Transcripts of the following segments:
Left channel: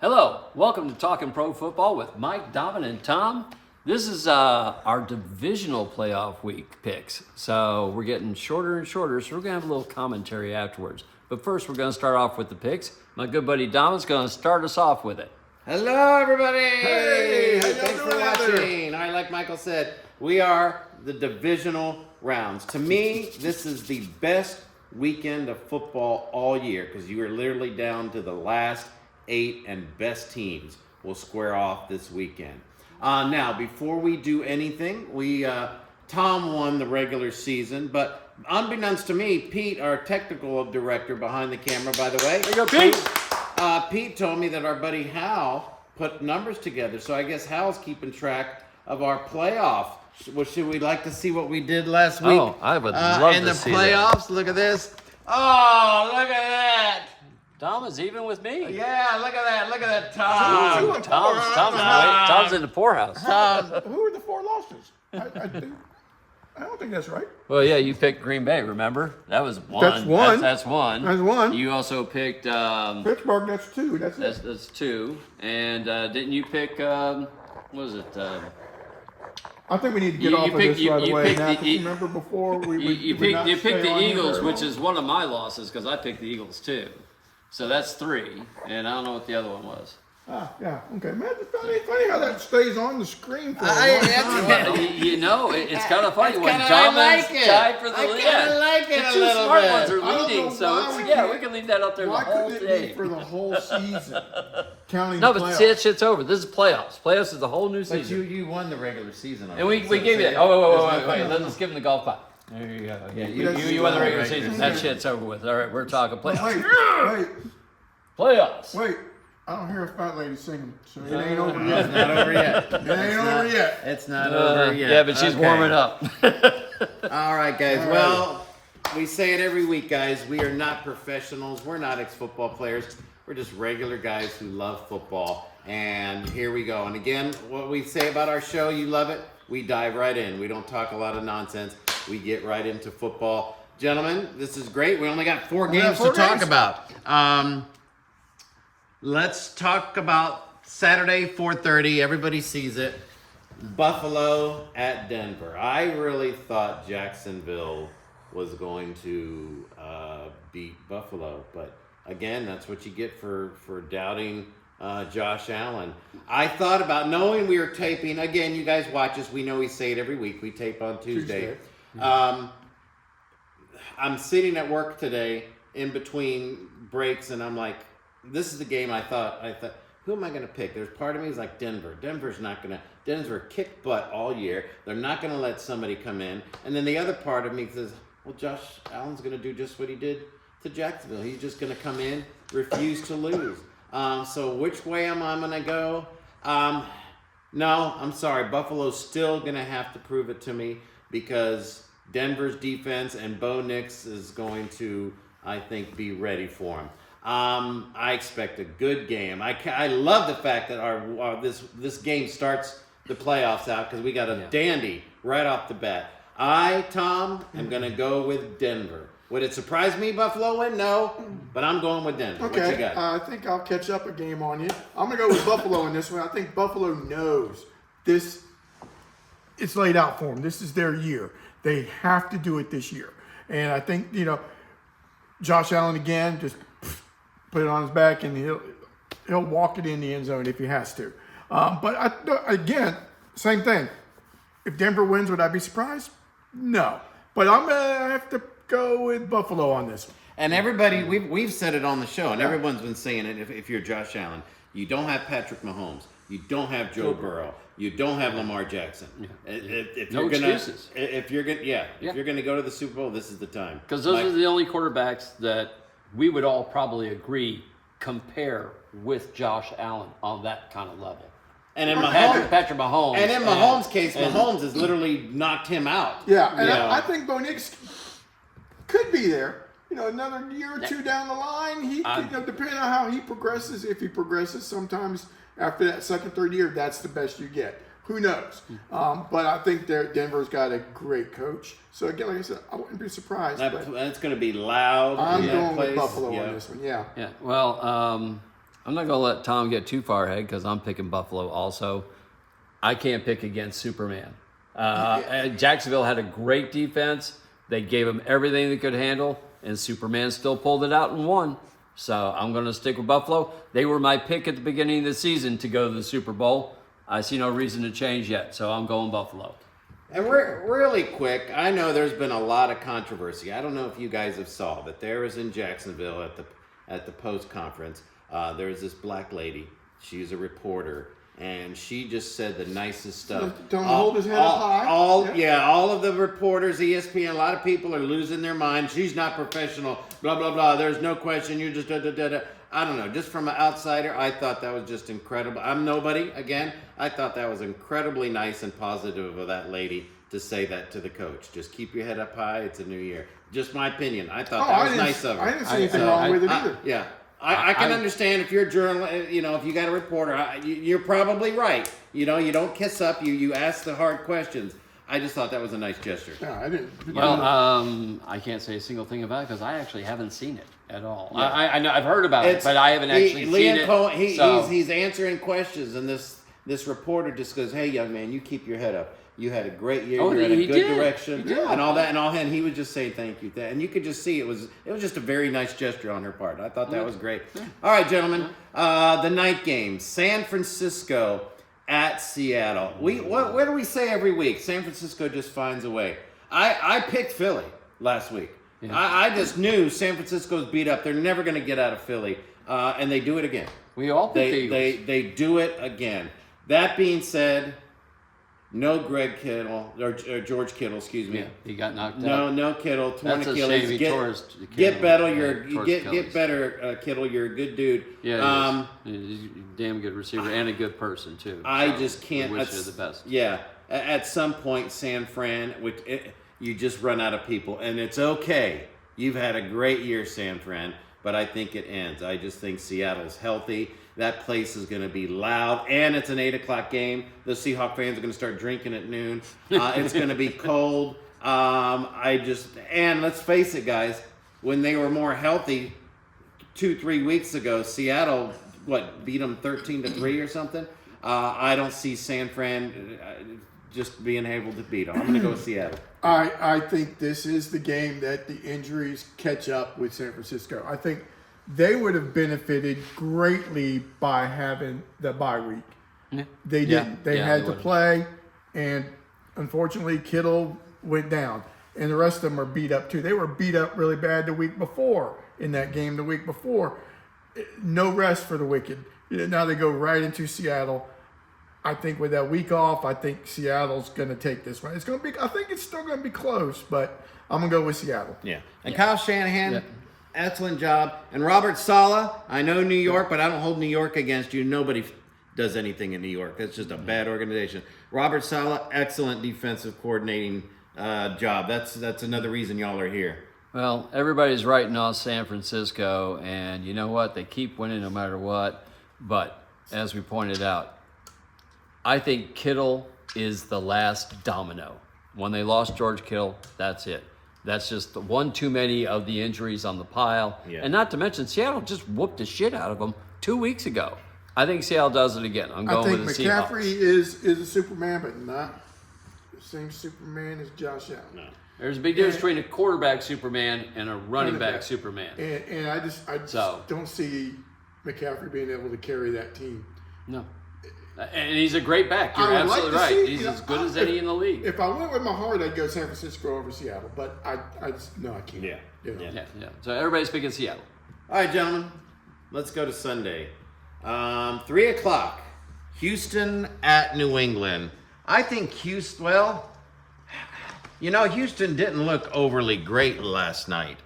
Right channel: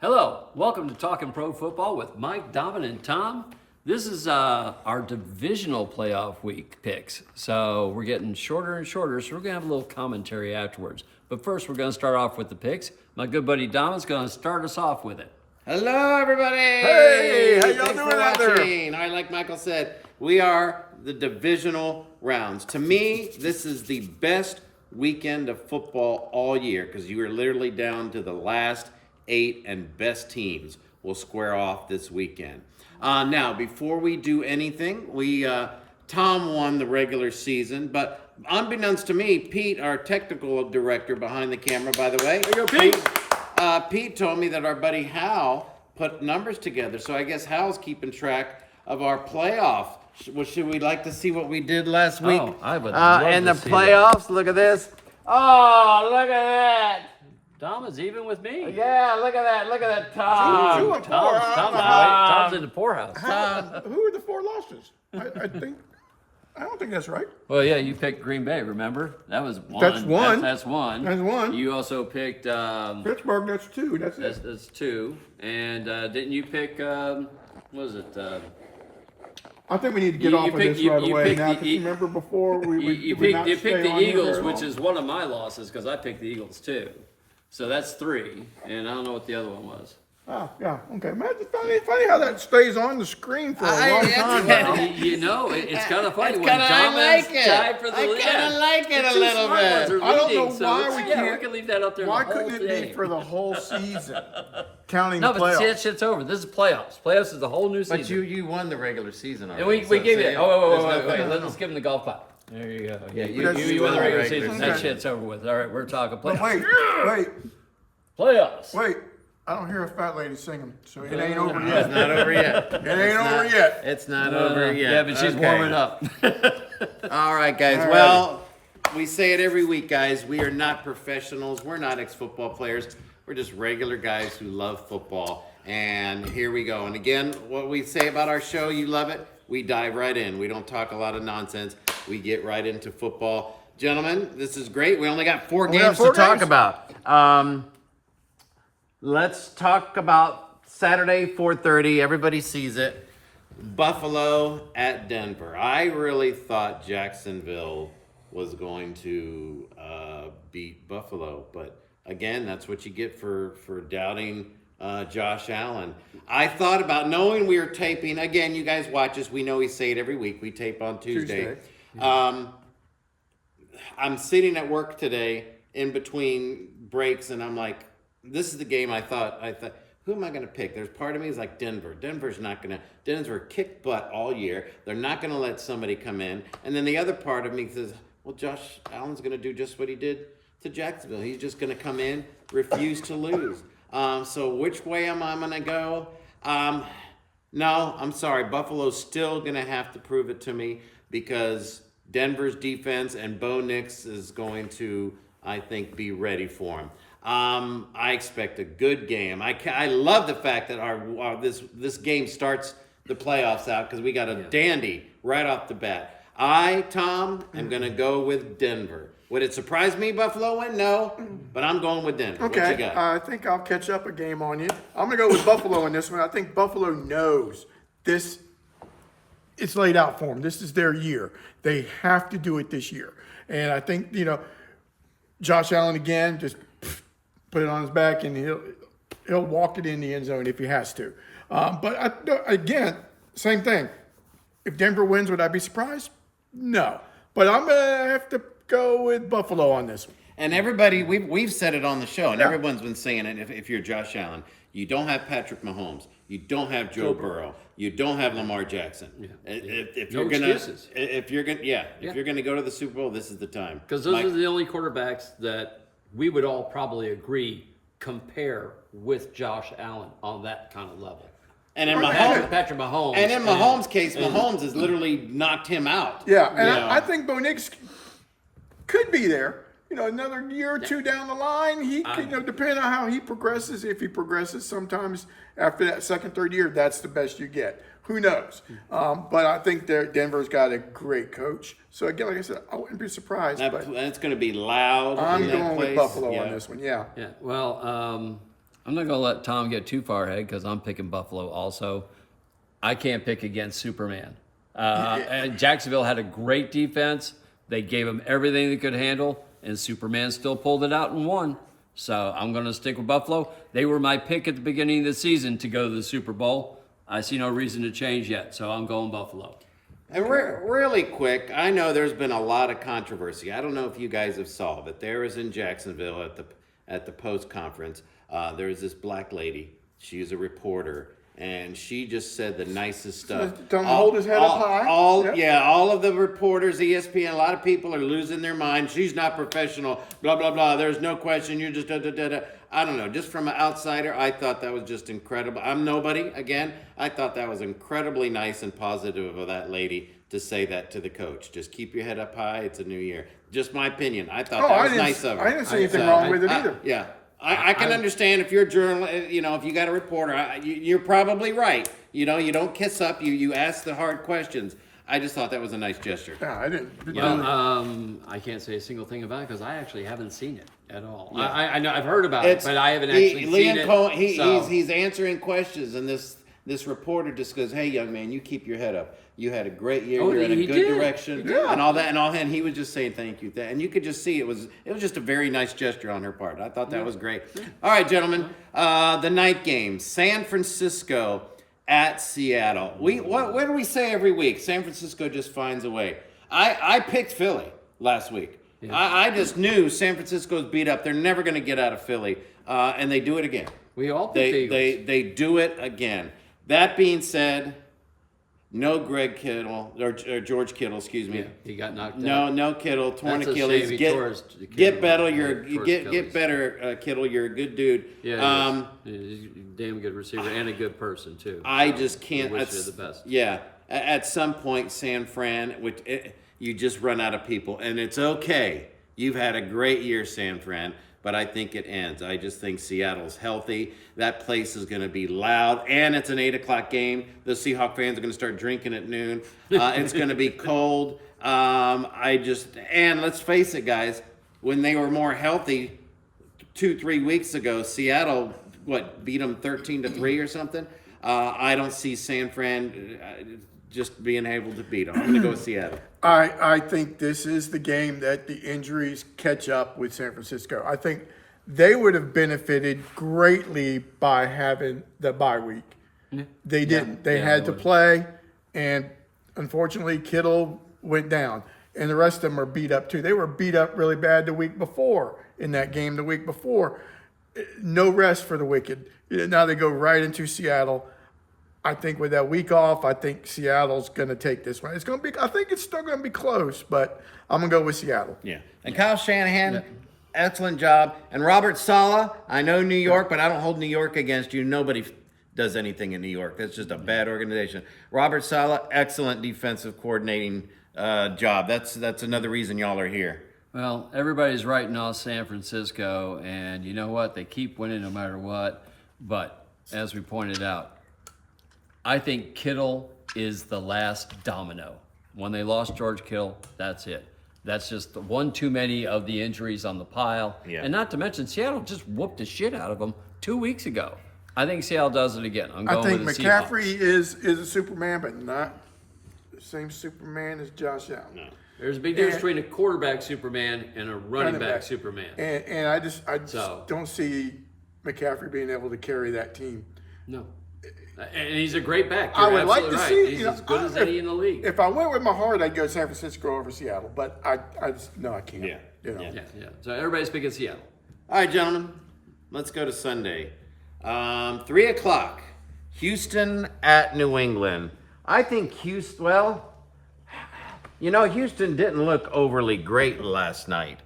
Hello, welcome to Talking Pro Football with Mike, Domin, and Tom. This is our divisional playoff week picks. So we're getting shorter and shorter, so we're going to have a little commentary afterwards. But first, we're going to start off with the picks. My good buddy Domin's going to start us off with it. Hello, everybody. Hey, how y'all thanks doing for out there? watching. All right, like Michael said, we are the divisional rounds. To me, this is the best weekend of football all year because you are literally down to the last 8 and best teams will square off this weekend. Now, before we do anything, Tom won the regular season, but unbeknownst to me, Pete, our technical director behind the camera, by the way, There you go, Pete. Pete told me that our buddy Hal put numbers together, so I guess Hal's keeping track of our playoff. Should we like to see what we did last week? Oh, I would love in to the see playoffs. Look at this. Oh, look at that. Dom is even with me. Yeah, look at that. Look at that, Tom. Tom's in the poorhouse. Who are the 4 losses? I don't think that's right. Well, yeah, you picked Green Bay, remember? That was one. That's one. That's one. That's one. You also picked... Pittsburgh, that's 2. That's it. That's 2. And didn't you pick... what was it? I think we need to get off of this right away now. Because you remember before we would not you stay picked the on here Eagles, very which long? is one of my losses because I picked the Eagles too. So that's 3, and I don't know what the other one was. Yeah, okay. Man, it's funny how that stays on the screen for a long time. Well, it's kind of funny when I like Domin's it. tied for the lead. I kind of like it a The two little smart bit. ones are I don't leading, know so why let's- we yeah, can't- we can leave that up there Why the whole couldn't it thing. be for the whole season? Counting No, the but playoffs. that shit's over. This is playoffs. Playoffs is the whole new season. But you won the regular season and already. we gave it. Oh, There's wait. nothing- Let's give him the golf clap. There you go. Yeah, you you won the regular season. season. That shit's over with. All right, we're talking But playoffs. wait. Playoffs. I don't hear a fat lady singing, so it ain't over yet. It's not over yet. It ain't over yet. It's not over yet. Yeah, but she's Okay. warming up. All right, guys. All Well, we say it every week, guys. We are not professionals. We're not ex-football players. We're just regular guys who love football. And here we go. And again, what we say about our show, you love it. We dive right in. We don't talk a lot of nonsense. We get right into football. Gentlemen, this is great. We only got 4 games to talk about. Let's talk about Saturday, 4:30. Everybody sees it. Buffalo at Denver. I really thought Jacksonville was going to beat Buffalo, but again, that's what you get for doubting Josh Allen. I thought about knowing we were taping. Again, you guys watch us. We know we say it every week. We tape on Tuesday. I'm sitting at work today in between breaks, and I'm like, this is the game I thought, who am I going to pick? There's part of me is like Denver. Denver kicked butt all year. They're not going to let somebody come in. And then the other part of me says, well, Josh Allen's going to do just what he did to Jacksonville. He's just going to come in, refuse to lose. So which way am I going to go? No, I'm sorry. Buffalo's still going to have to prove it to me because Denver's defense and Bo Nix is going to, I think, be ready for him. I expect a good game. I love the fact that this game starts the playoffs out because we got a dandy right off the bat. Tom, am going to go with Denver. Would it surprise me Buffalo win? No, but I'm going with Denver. Okay, What you got? I think I'll catch up a game on you. I'm going to go with Buffalo in this one. I think Buffalo knows this. It's laid out for them. This is their year. They have to do it this year. And I think, Josh Allen again, just put it on his back and he'll walk it in the end zone if he has to. Again, same thing. If Denver wins, would I be surprised? No. But I'm going to have to go with Buffalo on this one. And everybody, we've said it on the show, and everyone's been saying it. If you're Josh Allen, you don't have Patrick Mahomes, you don't have Joe Burrow, you don't have Lamar Jackson. If No you're gonna, excuses. if you're gonna go to the Super Bowl, this is the time. Because those are the only quarterbacks that we would all probably agree compare with Josh Allen on that kind of level. And in Patrick Mahomes. And in Mahomes' case, Mahomes has literally knocked him out. Yeah, and I think Bo Nix could be there. Another year or two down the line, he could, depending on how he progresses, if he progresses, sometimes after that second, third year, that's the best you get. Who knows? But I think Denver's got a great coach. So again, like I said, I wouldn't be surprised. And it's going to be loud. I'm in that going place. with Buffalo on this one. Yeah. Yeah. Well, I'm not going to let Tom get too far ahead because I'm picking Buffalo also. I can't pick against Superman. Jacksonville had a great defense. They gave him everything they could handle, and Superman still pulled it out and won. So I'm going to stick with Buffalo. They were my pick at the beginning of the season to go to the Super Bowl. I see no reason to change yet, so I'm going Buffalo. And really quick, I know there's been a lot of controversy. I don't know if you guys have saw, but there was in Jacksonville at the post conference. There was this black lady. She's a reporter, and she just said the nicest stuff. Don't hold his head up high. All of the reporters, ESPN, a lot of people are losing their mind. She's not professional. Blah blah blah. There's no question. You're just da da da da. I don't know. Just from an outsider, I thought that was just incredible. I'm nobody. Again, I thought that was incredibly nice and positive of that lady to say that to the coach. Just keep your head up high. It's a new year. Just my opinion. I thought that was nice of her. I didn't see anything wrong with it either. Yeah. I can understand if you're a journalist, if you got a reporter, you're probably right. You don't kiss up. You ask the hard questions. I just thought that was a nice gesture. Yeah, I didn't. I can't say a single thing about it because I actually haven't seen it at all. Yeah. I know I've heard about it, but I haven't actually seen it. Cohen, he's answering questions, and this reporter just goes, "Hey, young man, you keep your head up. You had a great year. You're in a good direction, and all that, and he was just saying thank you, and you could just see it was just a very nice gesture on her part. I thought that was great. All right, gentlemen, the night game, San Francisco at Seattle. What do we say every week? San Francisco just finds a way. I picked Philly last week. Yeah. I just knew San Francisco's beat up. They're never going to get out of Philly, and they do it again. We all they do it again. That being said, no Greg Kittle or George Kittle, excuse me. Yeah, he got knocked out. No Kittle, torn Achilles. Get better, Kittle. You're a good dude. Yeah, he's a damn good receiver and a good person too. I just can't. Wish you the best. Yeah, at some point, San Fran, you just run out of people, and it's okay. You've had a great year, San Fran, but I think it ends. I just think Seattle's healthy. That place is going to be loud, and it's an 8 o'clock game. The Seahawk fans are going to start drinking at noon. It's going to be cold. And let's face it, guys, when they were more healthy 2-3 weeks ago, Seattle, beat them 13-3 or something? I don't see San Fran just being able to beat them. I'm going to go with Seattle. I think this is the game that the injuries catch up with San Francisco. I think they would have benefited greatly by having the bye week. Yeah. They didn't. They had to play, and unfortunately, Kittle went down. And the rest of them are beat up too. They were beat up really bad the week before in that game the week before. No rest for the wicked. Now they go right into Seattle. I think with that week off, I think Seattle's going to take this one. I think it's still going to be close, but I'm going to go with Seattle. Yeah. And Kyle Shanahan, excellent job. And Robert Saleh, I know New York, but I don't hold New York against you. Nobody does anything in New York. That's just a bad organization. Robert Saleh, excellent defensive coordinating job. That's another reason y'all are here. Well, everybody's writing off San Francisco, and you know what? They keep winning no matter what. But as we pointed out, I think Kittle is the last domino. When they lost George Kittle, that's it. That's just one too many of the injuries on the pile. Yeah. And not to mention, Seattle just whooped the shit out of them 2 weeks ago. I think Seattle does it again. I'm going with the Seahawks. I think McCaffrey is a Superman, but not the same Superman as Josh Allen. No. There's a big difference between a quarterback Superman and a running back Superman. And I just don't see McCaffrey being able to carry that team. No. And he's a great back. I would like to see. He's as good as any in the league. If I went with my heart, I'd go San Francisco over Seattle. But I can't. Yeah. So everybody's picking Seattle. All right, gentlemen. Let's go to Sunday. 3 o'clock. Houston at New England. I think Houston didn't look overly great last night.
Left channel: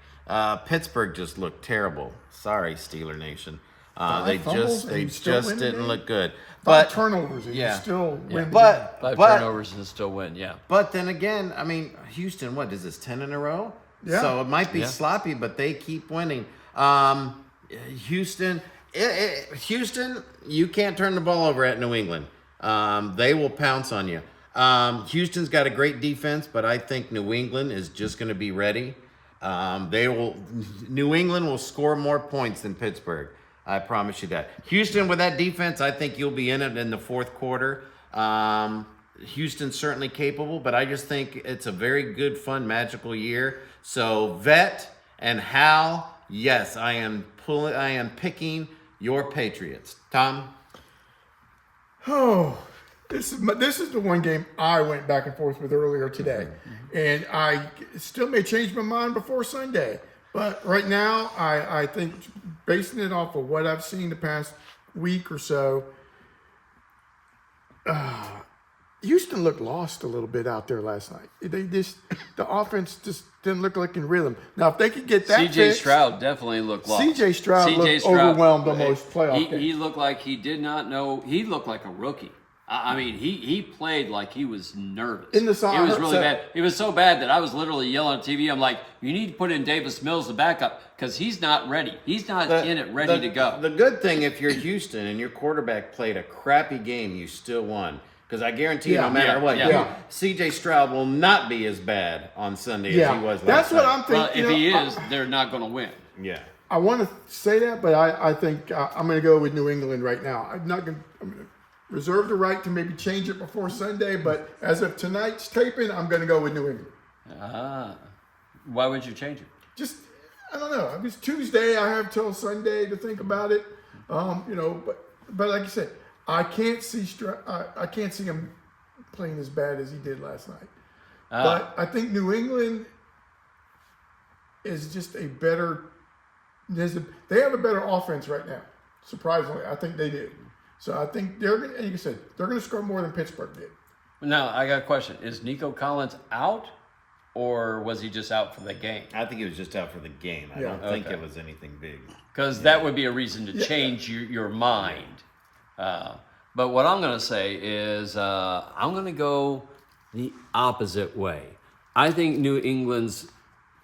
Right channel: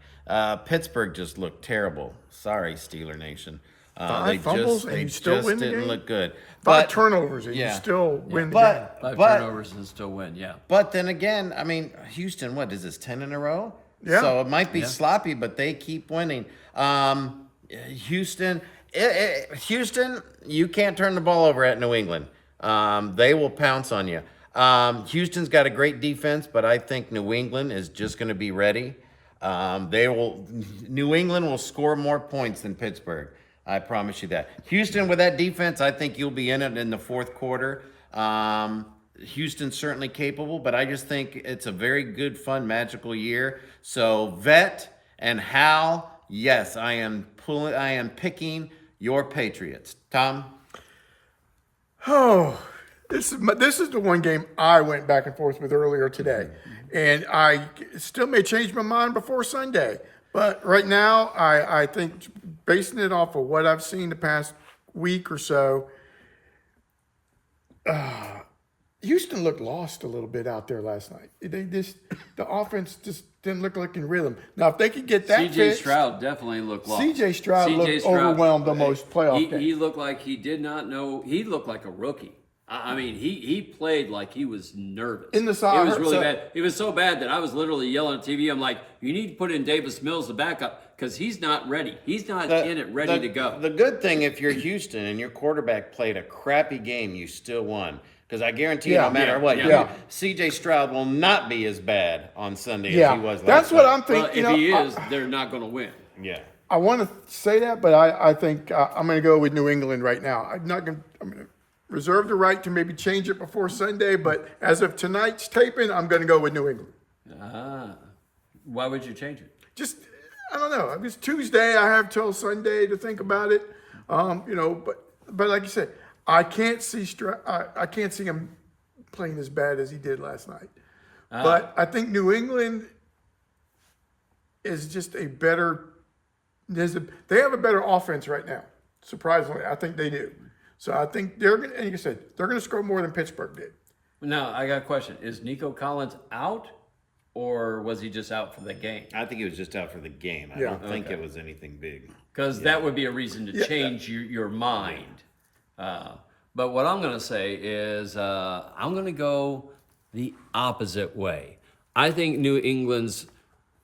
Pittsburgh just looked terrible. Sorry, Steeler Nation. They just didn't look good. But turnovers and you still win. Five turnovers and still win. Yeah. But then again, I mean, Houston. What is this? 10 in a row. Yeah. So it might be sloppy, but they keep winning. Houston, you can't turn the ball over at New England. They will pounce on you. Houston's got a great defense, but I think New England is just going to be ready. New England will score more points than Pittsburgh. I promise you that. Houston, with that defense, I think you'll be in it in the fourth quarter. Houston's certainly capable, but I just think it's a very good, fun, magical year. So, Vet and Hal, yes, I am picking your Patriots. Tom? Oh, this is the one game I went back and forth with earlier today, and I still may change my mind before Sunday. But right now, I think basing it off of what I've seen the past week or so, Houston looked lost a little bit out there last night. The offense just didn't look like in rhythm. Now, if they could get that C.J. fixed, Stroud definitely looked lost. C.J. Stroud looked overwhelmed almost playoff game. He looked like he did not know. He looked like a rookie. I mean, he played like he was nervous. In the side, it was really bad. It was so bad that I was literally yelling at TV. I'm like, you need to put in Davis Mills, the backup, because he's not ready. He's not in it ready to go. The good thing, if you're Houston and your quarterback played a crappy game, you still won. Because I guarantee you, no matter what, C.J. Stroud will not be as bad on Sunday as he was last That's night. what I'm thinking. Well, if he is, they're not going to win. Yeah. I want to say that, but I think I'm going to go with New England right now. I'm going to reserve the right to maybe change it before Sunday, but as of tonight's taping, I'm going to go with New England. Why would you change it? Just, I don't know. It's Tuesday. I have till Sunday to think about it. But like you said, I can't see him playing as bad as he did last night. But I think New England is just a better. They have a better offense right now. Surprisingly, I think they do. So I think they're going to, like I said, they're going to score more than Pittsburgh did. No, I got a question. Is Nico Collins out, or was he just out for the game? I think he was just out for the game. I don't think it was anything big. Because that would be a reason to change your mind. But what I'm going to say is I'm going to go the opposite way. I think New England's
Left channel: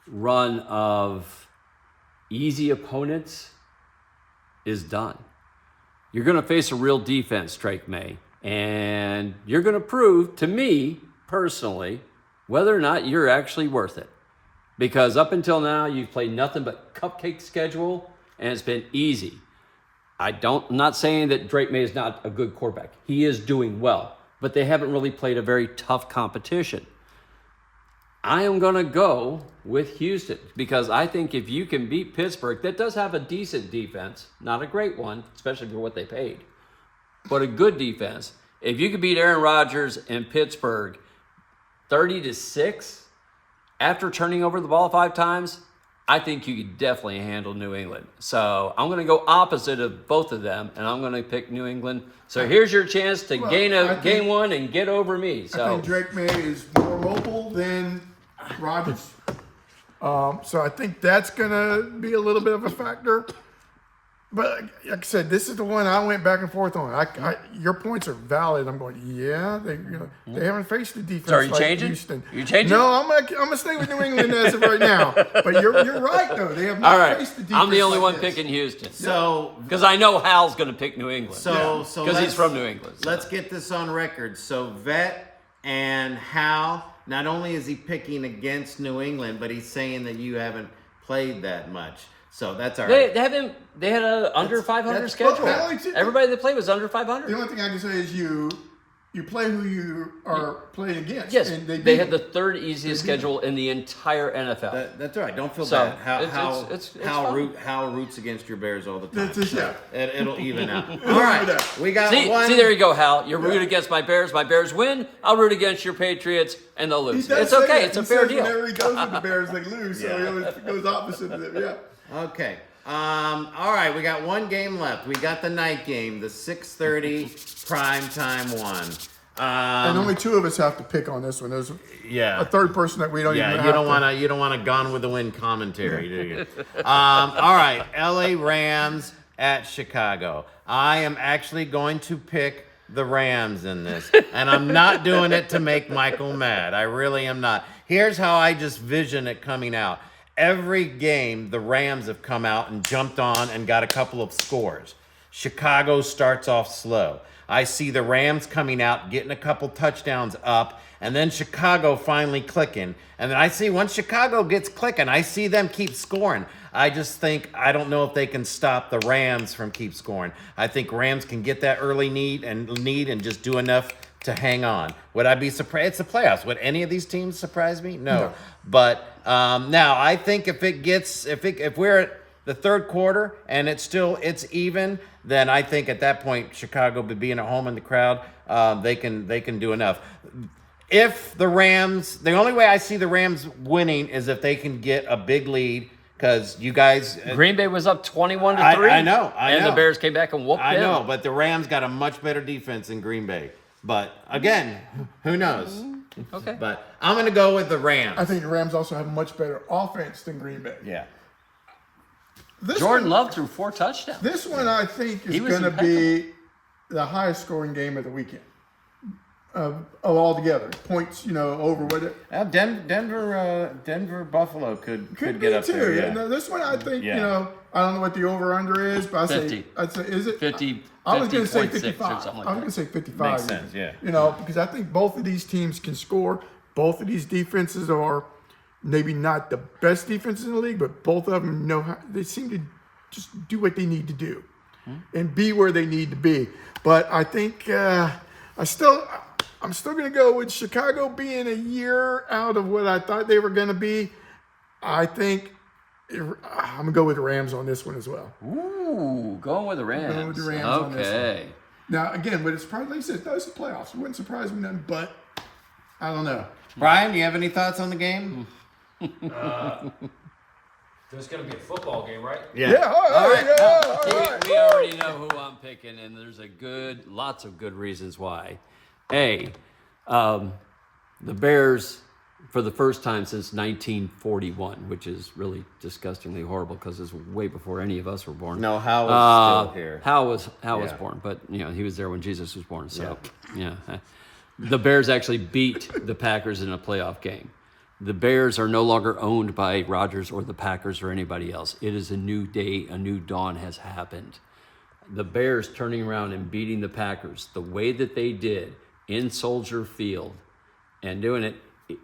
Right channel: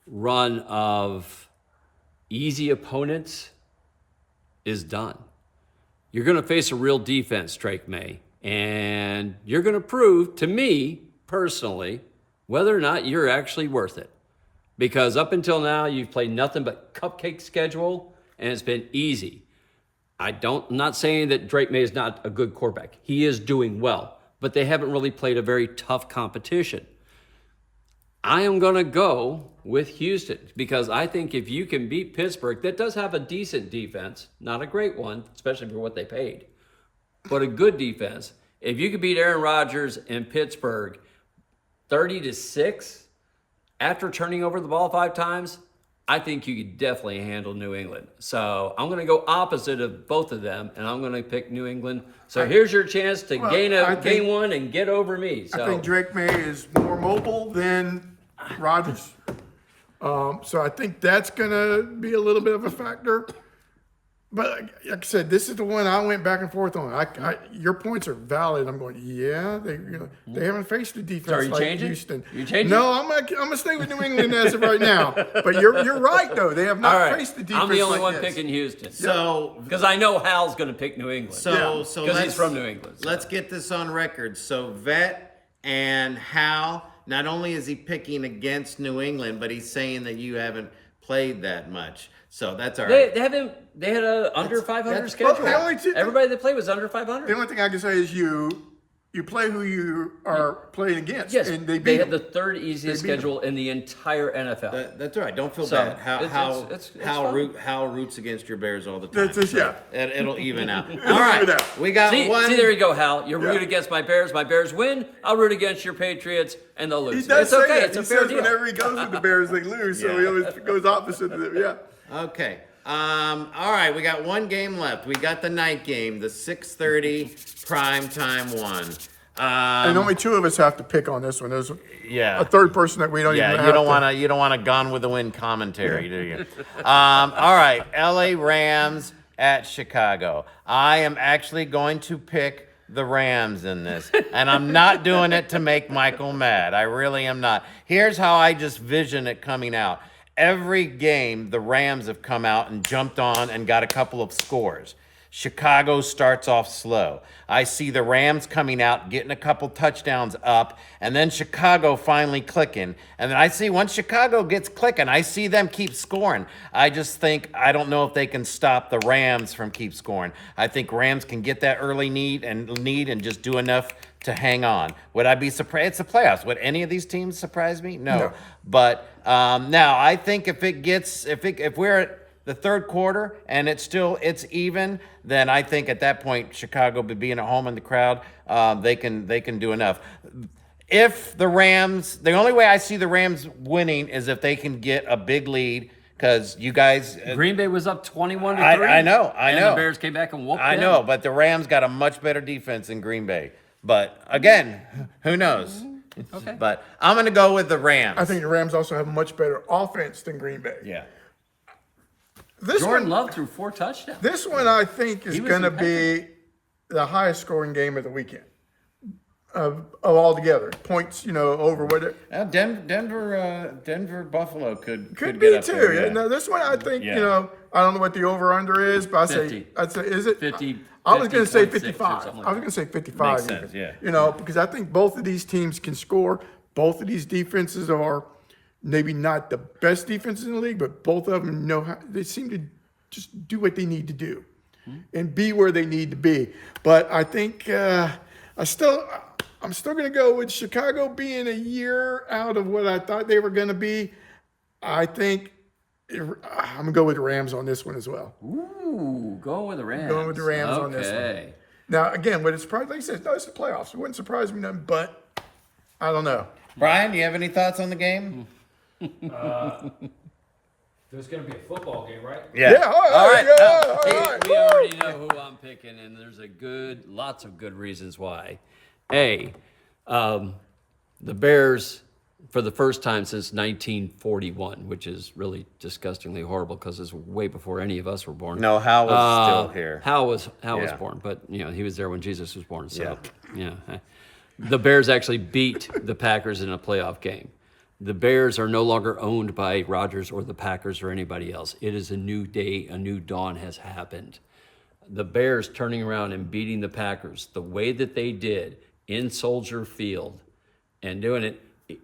run of easy opponents is done. You're going to face a real defense, Drake May, and you're going to prove to me personally whether or not you're actually worth it. Because up until now, you've played nothing but cupcake schedule, and it's been easy. I'm not saying that Drake May is not a good quarterback. He is doing well, but they haven't really played a very tough competition. I am going to go with Houston because I think if you can beat Pittsburgh, that does have a decent defense, not a great one, especially for what they paid, but a good defense. If you could beat Aaron Rodgers in Pittsburgh 30-6 after turning over the ball 5 times, I think you could definitely handle New England. So I'm going to go opposite of both of them, and I'm going to pick New England. So here's your chance to gain one and get over me. So I think Drake May is more mobile than Rodgers. So I think that's going to be a little bit of a factor. But like I said, this is the one I went back and forth on. Your points are valid. I'm going, they haven't faced the defense So like changing? Houston. You changing? No, I'm gonna stay with New England as of right now. But you're right though. They have not faced the defense. I'm the only like one this. picking Houston. So, because I know Hal's going to pick New England. So because he's from New England. So. Let's get this on record. So Vet and Hal, not only is he picking against New England, but he's saying that you haven't played that much. So that's all right. They had an under 500 schedule. Okay. Everybody that played was under 500. The only thing I can say is you play who you are playing against. Yes, and they had the third easiest schedule in the entire NFL. That's all right. Don't feel So, bad. it's fine. How roots against your Bears all the time. That's it, It'll even out. All right, we got one. See, there you go, Hal. You're root against my Bears. My Bears win. I'll root against your Patriots, and they'll lose. It's okay. It's a fair deal. Whenever he goes with the Bears, they lose. So he always goes opposite of them. Yeah. Okay. All right, we got one game left. We got the night game, the 6:30 primetime one. And only 2 of us have to pick on this one. There's a third person that we don't. Yeah, even you don't want a Gone with the Wind commentary, do you? All right, L.A. Rams at Chicago. I am actually going to pick the Rams in this, and I'm not doing it to make Michael mad. I really am not. Here's how I just vision it coming out. Every game, the Rams have come out and jumped on and got a couple of scores. Chicago starts off slow. I see the Rams coming out, getting a couple touchdowns up, and then Chicago finally clicking. And then I see once Chicago gets clicking, I see them keep scoring. I don't know if they can stop the Rams from keep scoring. I think Rams can get that early lead and just do enough to hang on. Would I be surprised? It's the playoffs. Would any of these teams surprise me? No. But now I think if we're at the third quarter and it's even, then I think at that point Chicago, being at home in the crowd, they can do enough. If the Rams, the only way I see the Rams winning is if they can get a big lead. Because you guys, Green Bay was up 21-3. I know. And the Bears came back and whooped them. I know, but the Rams got a much better defense than Green Bay. But again, who knows? Okay. But I'm going to go with the Rams. I think the Rams also have a much better offense than Green Bay. Yeah. Jordan Love threw 4 touchdowns. This one I think is going to be the highest scoring game of the weekend. Of all together, points, over what Denver, Buffalo could could get be up too. there. Yeah. This one I think, Yeah. I don't know what the over under is, but I'd say is it 50? I was going to say 50.6 or 55. something like I was going to say 55. Makes sense, yeah. Because I think both of these teams can score. Both of these defenses are maybe not the best defenses in the league, but both of them know how. They seem to just do what they need to do and be where they need to be. But I think I'm still going to go with Chicago being a year out of what I thought they were going to be. I think I'm going to go with the Rams on this one as well. Ooh, going with the Rams. Going with the Rams on this one. Okay. Now, again, but it's probably, like you said, it's the playoffs. It wouldn't surprise me none, but I don't know. Brian, you have any thoughts on the game? There's going to be a football game, right? Yeah, All right. all right. We already know who I'm picking, and there's lots of good reasons why. The Bears, for the first time since 1941, which is really disgustingly horrible because it's way before any of us were born. No, Hal was still here. Hal was Yeah. born, but he was there when Jesus was born. So yeah. The Bears actually beat the Packers in a playoff game. The Bears are no longer owned by Rodgers or the Packers or anybody else. It is a new day, a new dawn has happened. The Bears turning around and beating the Packers the way that they did in Soldier Field and doing it,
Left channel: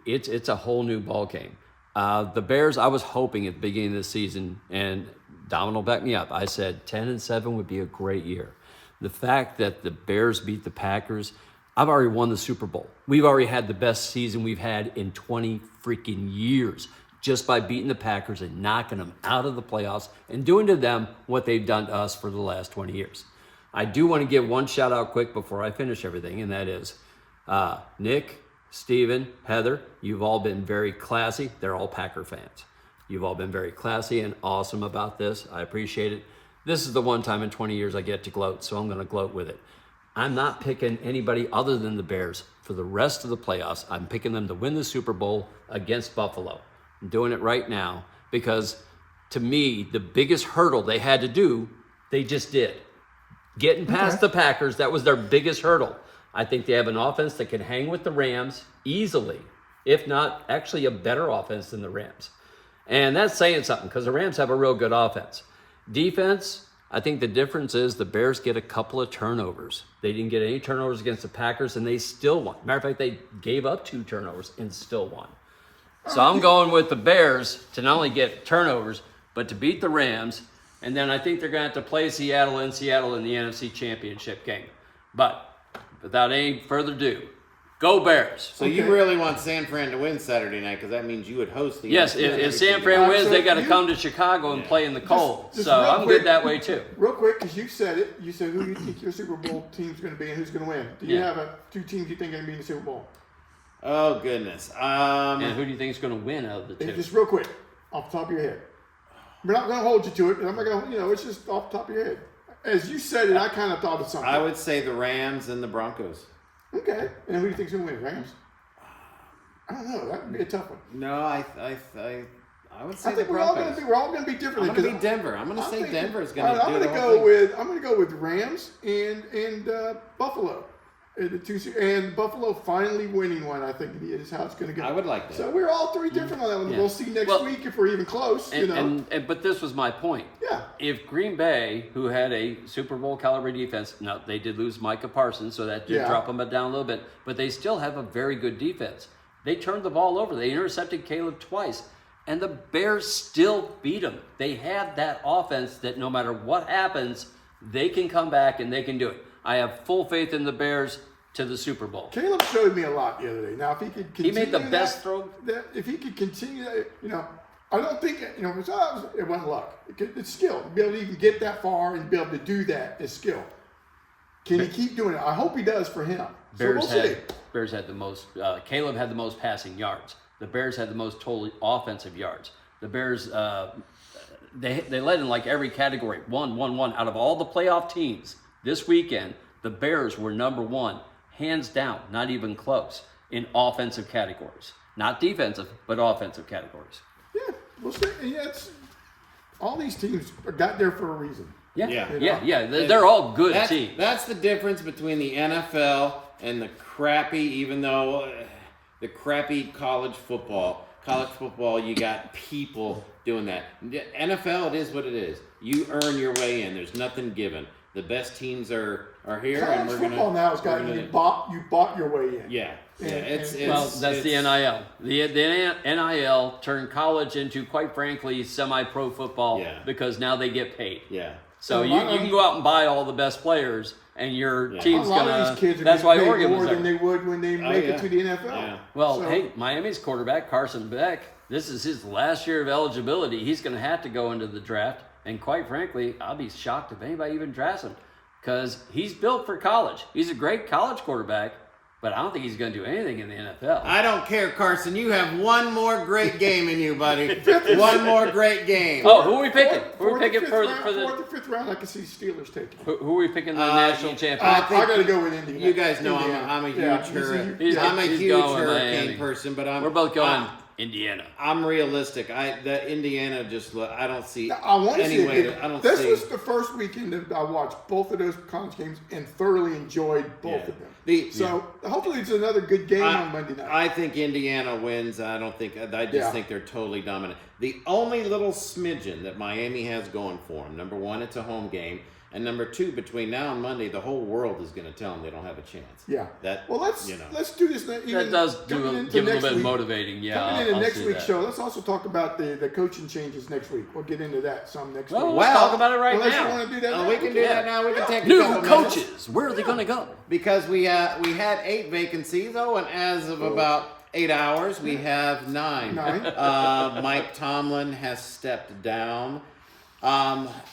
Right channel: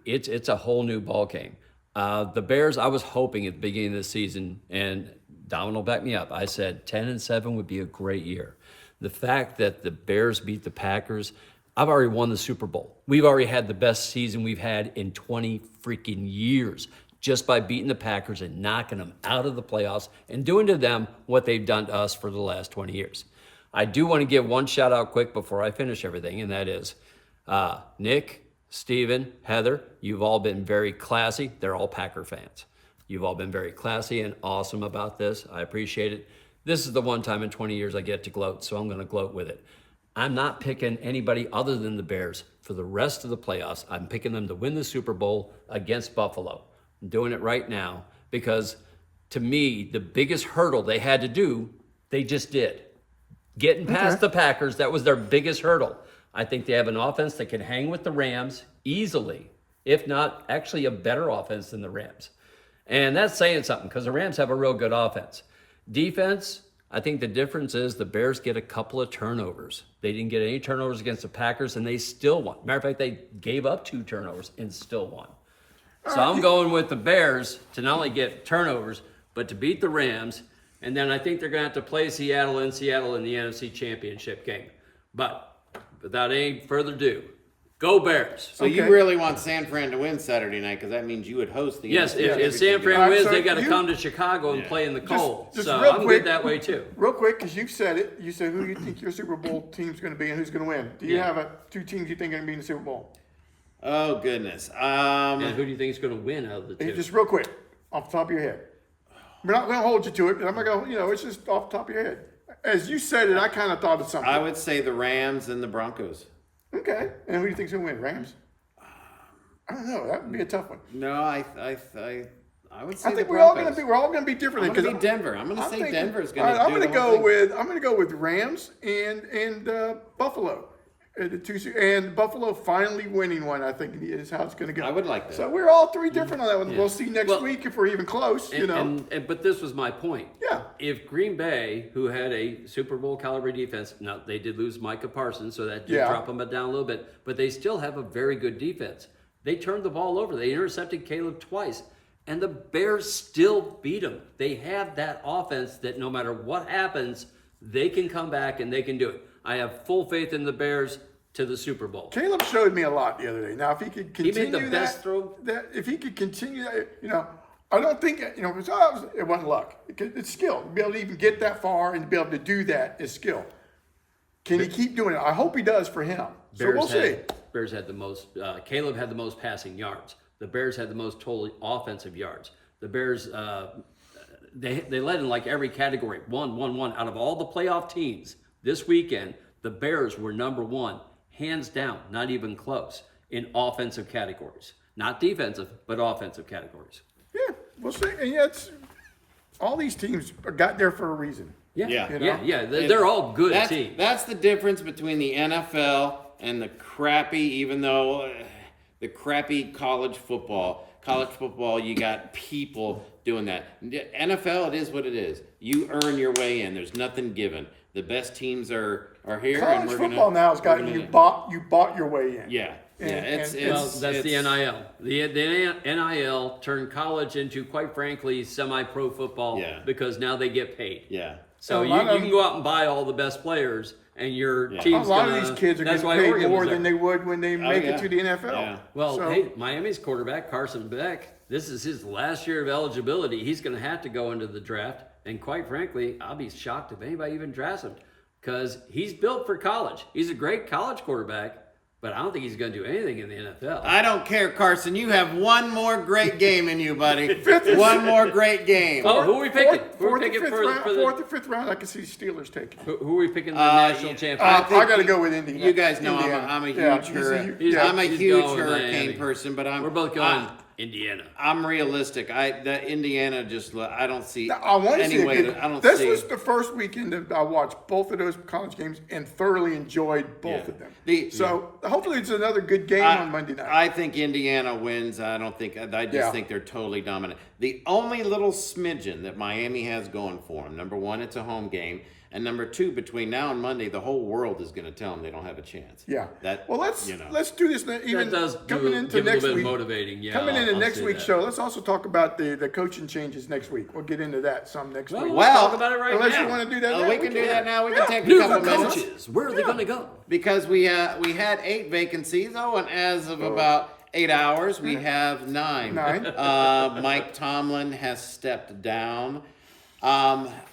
it's a whole new ball game. The Bears, I was hoping at the beginning of the season, and Dominic will back me up, I said 10-7 would be a great year. The fact that the Bears beat the Packers, I've already won the Super Bowl. We've already had the best season we've had in 20 freaking years just by beating the Packers and knocking them out of the playoffs and doing to them what they've done to us for the last 20 years. I do want to give one shout out quick before I finish everything, and that is Nick, Steven, Heather, you've all been very classy. They're all Packer fans. You've all been very classy and awesome about this. I appreciate it. This is the one time in 20 years I get to gloat, so I'm going to gloat with it. I'm not picking anybody other than the Bears for the rest of the playoffs. I'm picking them to win the Super Bowl against Buffalo. I'm doing it right now because, to me, the biggest hurdle they had to do, they just did. Getting past the Packers, that was their biggest hurdle. I think they have an offense that can hang with the Rams easily, if not actually a better offense than the Rams. And that's saying something because the Rams have a real good offense. Defense, I think the difference is the Bears get a couple of turnovers. They didn't get any turnovers against the Packers, and they still won. Matter of fact, they gave up 2 turnovers and still won. So I'm going with the Bears to not only get turnovers, but to beat the Rams. And then I think they're going to have to play Seattle in the NFC Championship game. But without any further ado, go Bears. So you really want San Fran to win Saturday night because that means you would host the Yes, NFC if Championship San Fran game. wins, so they got to you- come to Chicago and play in the cold. just So real I'm quick. good that way too. Real quick, because you said it. You said who you think your Super Bowl team's going to be and who's going to win. Do you Yeah. have 2 teams you think are going to be in the Super Bowl? Oh, goodness. And who do you think is going to win out of the Hey, two? just real quick, off the top of your head. We're not going to hold you to it. I'm not going to, it's just off the top of your head. As you said it, I kind of thought of something. I would say the Rams and the Broncos. Okay. And who do you think's going to win? Rams? I don't know. That would be a tough one. No, I would say I think the we're all Broncos. going to be different. I'm going to be Denver. I'm going to say Denver's going to do the whole thing. I'm going to go with Rams and Buffalo. And Buffalo finally winning one, I think, is how it's going to go. I would like that. So we're all three different on that one. Yeah. We'll see next week if we're even close. But this was my point. Yeah. If Green Bay, who had a Super Bowl caliber defense, now they did lose Micah Parsons, so that did drop them down a little bit, but they still have a very good defense. They turned the ball over. They intercepted Caleb twice, and the Bears still beat them. They have that offense that no matter what happens, they can come back and they can do it. I have full faith in the Bears to the Super Bowl. Caleb showed me a lot the other day. Now, if he could continue He made the best throw. If he could continue that, I don't think, it wasn't luck. It's skill. To be able to even get that far and be able to do that is skill. Can he keep doing it? I hope he does for him. So we'll see. Bears had the most, Caleb had the most passing yards. The Bears had the most total offensive yards. The Bears, they led in like every category. 1 out of all the playoff teams this weekend. The Bears were number 1, hands down, not even close, in offensive categories. Not defensive, but offensive categories. Yeah, we'll see. And all these teams got there for a reason. Yeah. They're all good teams. That's the difference between the NFL and the crappy, the crappy college football. College football, you got people doing that. NFL, it is what it is. You earn your way in. There's nothing given. The best teams are here, College and we're football now has got you bought your way in. Yeah. It's That's the NIL. The NIL turned college into, quite frankly, semi-pro football because now they get paid. Yeah. So you can go out and buy all the best players, and your team's a lot of these kids are getting paid more than they would when they make it to the NFL. Yeah. Well, hey, Miami's quarterback, Carson Beck, this is his last year of eligibility. He's going to have to go into the draft. And quite frankly, I'll be shocked if anybody even drafts him because he's built for college. He's a great college quarterback, but I don't think he's going to do anything in the NFL. I don't care, Carson. You have one more great game in you, buddy. One more great game. Oh, who are we picking? Fourth or fifth round, I can see Steelers taking. Who are we picking in the national championship? I think I got to go with Indiana. You guys know I'm a huge hurricane going, person, but we're both going Indiana. I'm realistic. Indiana I don't see I want to any see way to, I don't this see. was the first weekend that I watched both of those college games and thoroughly enjoyed both of them. Hopefully it's another good game on Monday night. I think Indiana wins. I just think they're totally dominant. The only little smidgen that Miami has going for them, number 1, it's a home game. And number 2, between now and Monday, the whole world is going to tell them they don't have a chance. Yeah. Let's do this. Even that does coming into give next a little bit week, motivating. Yeah, coming into I'll next see week's that. show, let's also talk about the coaching changes next week. We'll get into that some next week. We'll talk about it right Unless now. you want to do that now. We can do that now. We can take a New couple minutes. coaches. Where are they going to go? Because we had 8 vacancies. And as of about 8 hours, we have 9. 9. Mike Tomlin has stepped down.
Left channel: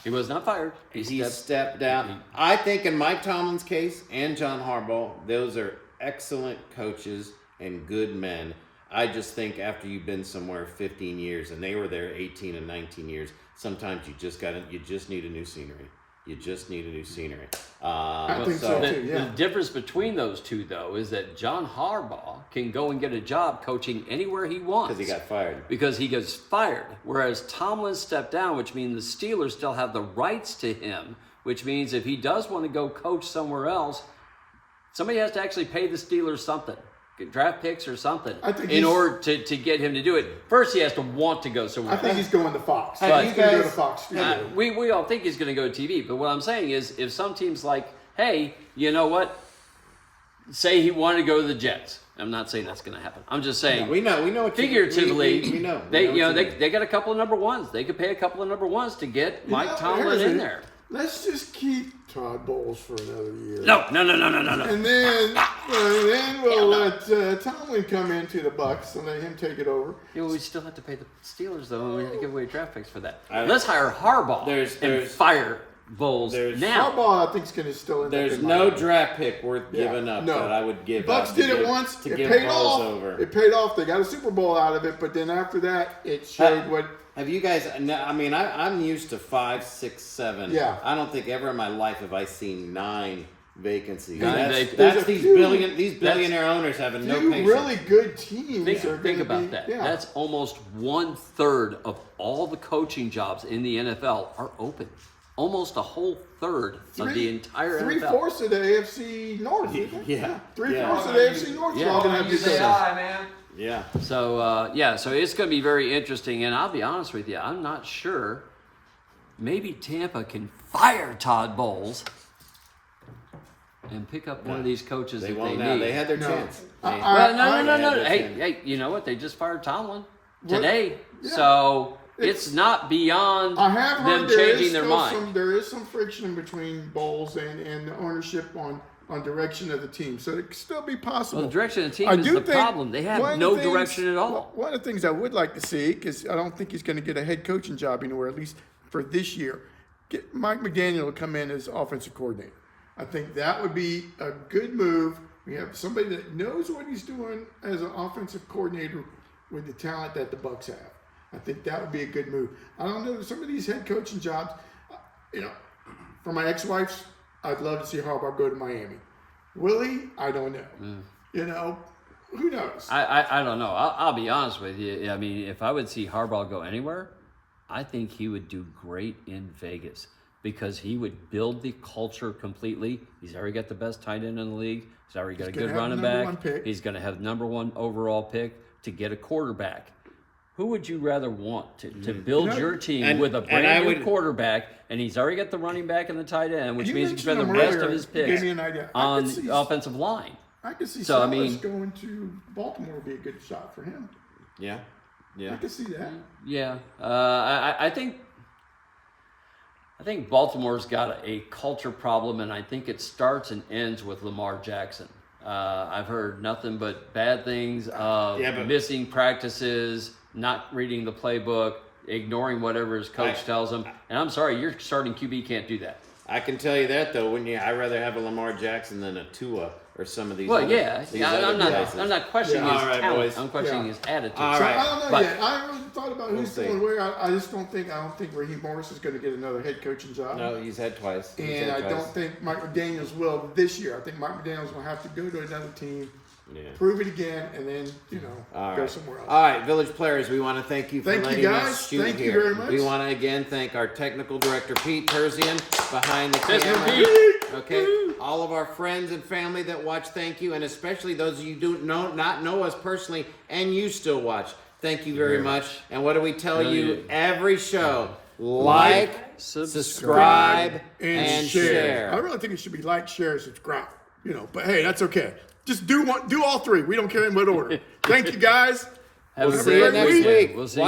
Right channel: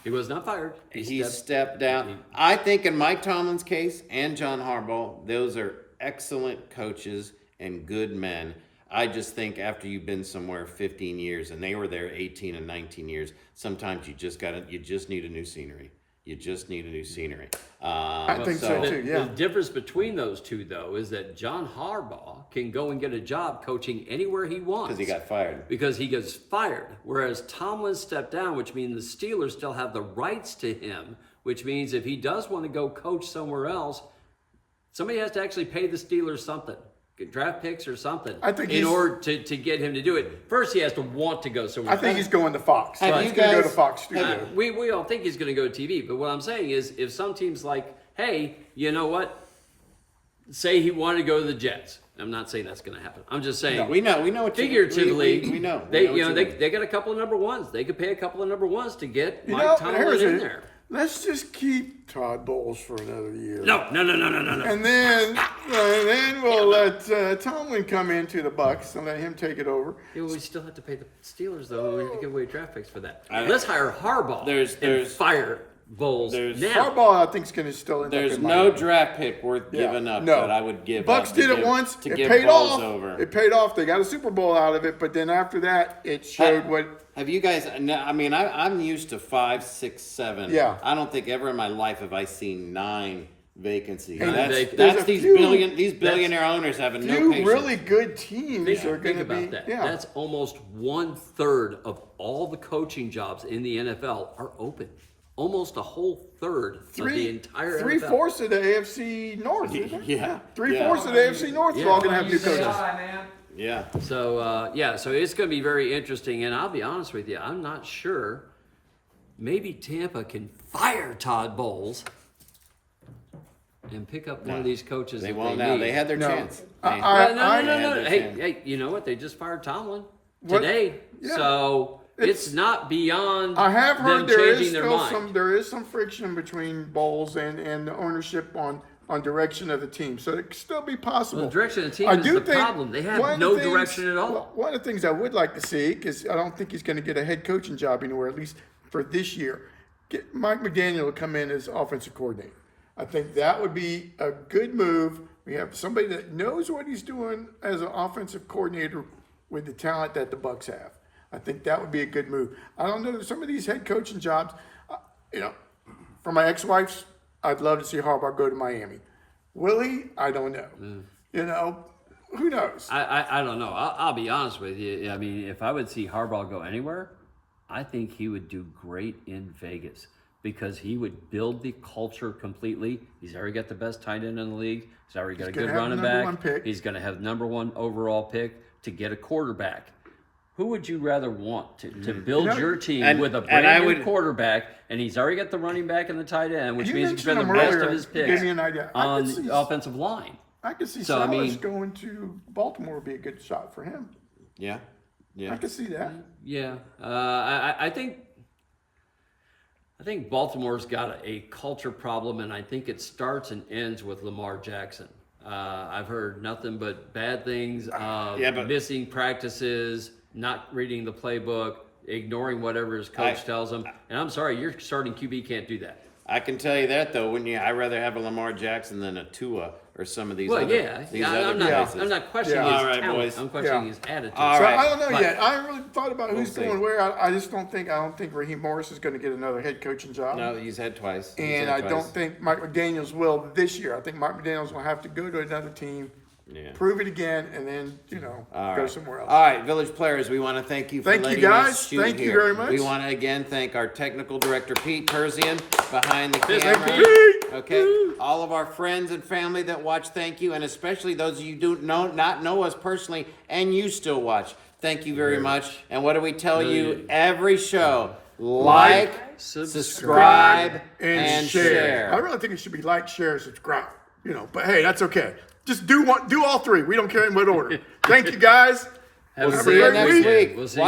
He was not fired. He stepped down. I think in Mike Tomlin's case and John Harbaugh, those are excellent coaches and good men. I just think after you've been somewhere 15 years and they were there 18 and 19 years, sometimes you just need a new scenery. You just need a new scenery. I think so too. Yeah. The difference between those two, though, is that John Harbaugh can go and get a job coaching anywhere he wants. Because he got fired. Because he gets fired. Whereas Tomlin stepped down, which means the Steelers still have the rights to him, which means if he does want to go coach somewhere else, somebody has to actually pay the Steelers something. Draft picks or something. I think in order to get him to do it. First, he has to want to go somewhere. I think he's going to Fox. Have He's you going to go guys- to Fox Studio. We all think he's going to go to TV, but what I'm saying is if some team's like, hey, you know what? Say he wanted to go to the Jets. I'm not saying that's going to happen. I'm just saying. We know what Figuratively, we know. They got a couple of number ones. They could pay a couple of number ones to get Mike Tomlin in there. Let's just keep Todd Bowles for another year. No. And then we'll let Tomlin come into the Bucks and let him take it over. Yeah, well, we still have to pay the Steelers, though, and we have to give away draft picks for that. Let's hire Harbaugh and fire Bowles now. Harbaugh, I think, is going to still end up There's in no Miami. draft pick worth giving up that I would give Bucks up. did it once. To It give paid Bowles off. over. It paid off. They got a Super Bowl out of it, but then after that, it showed what. Have you guys? I mean, I'm used to 5, 6, 7. Yeah. I don't think ever in my life have I seen 9 vacancies. There's That's a these few- billionaire owners having no Few patience. really good teams are going Think to about be. that. Yeah. That's almost 1/3 of all the coaching jobs in the NFL are open. almost a whole third of the entire NFL. 3/4 of the AFC North, isn't it? Yeah. 3/4 of the AFC North are all going to have new coaches. Yeah. So, so it's going to be very interesting. And I'll be honest with you, I'm not sure. Maybe Tampa can fire Todd Bowles and pick up one of these coaches. They that won't they now. need. They had their No. chance. I- No. Hey, you know what? They just fired Tomlin today. Yeah. So it's not beyond I have them heard there changing is their still mind. there is some friction between Bowles and the ownership on direction of the team, so it could still be possible. Well, the direction of the team I is do the think problem. They one have of the no things- direction at all. well, one of the things I would like to see, because I don't think he's going to get a head coaching job anywhere, at least for this year, get Mike McDaniel to come in as offensive coordinator. I think that would be a good move. We have somebody that knows what he's doing as an offensive coordinator with the talent that the Bucs have. I think that would be a good move. I don't know, some of these head coaching jobs, for my ex-wife's, I'd love to see Harbaugh go to Miami. Will he? I don't know. Who knows? I don't know. I'll be honest with you. I mean, if I would see Harbaugh go anywhere, I think he would do great in Vegas because he would build the culture completely. He's already got the best tight end in the league. He's already got a good running back. He's going to have #1 overall pick to get a quarterback. Who would you rather want to build your team with a brand new quarterback? And he's already got the running back and the tight end, which means he can spend the rest of his picks on the offensive line. I could see So, Salas going to Baltimore would be a good shot for him. Yeah. I could see that. Yeah, I think Baltimore's got a culture problem, and I think it starts and ends with Lamar Jackson. I've heard nothing but bad things of missing practices, not reading the playbook, ignoring whatever his coach tells him. And I'm sorry, your starting QB can't do that. I can tell you that though. I'd rather have a Lamar Jackson than a Tua or some of these other places. I'm not questioning his All right, talent. boys. I'm questioning his attitude. All So right. I don't know yet. I haven't really thought about who's see. going where. I just don't think Raheem Morris is going to get another head coaching job. No, he's had twice. And I don't think Mike McDaniels will this year. I think Mike McDaniels will have to go to another team, prove it again, and then go somewhere else. All right, Village Players, we want to thank you for letting us shoot Thank here. you very much. We want to again thank our technical director Pete Terzian behind the camera. Pete. Okay, all of our friends and family that watch, thank you, and especially those of you who do not know us personally and you still watch. Thank you very much. And what do we tell you every show? Like, subscribe, and share. I really think it should be like, share, subscribe. But hey, that's okay. Just do all three. We don't care in what order. Thank you guys. We'll see you next week. We'll see you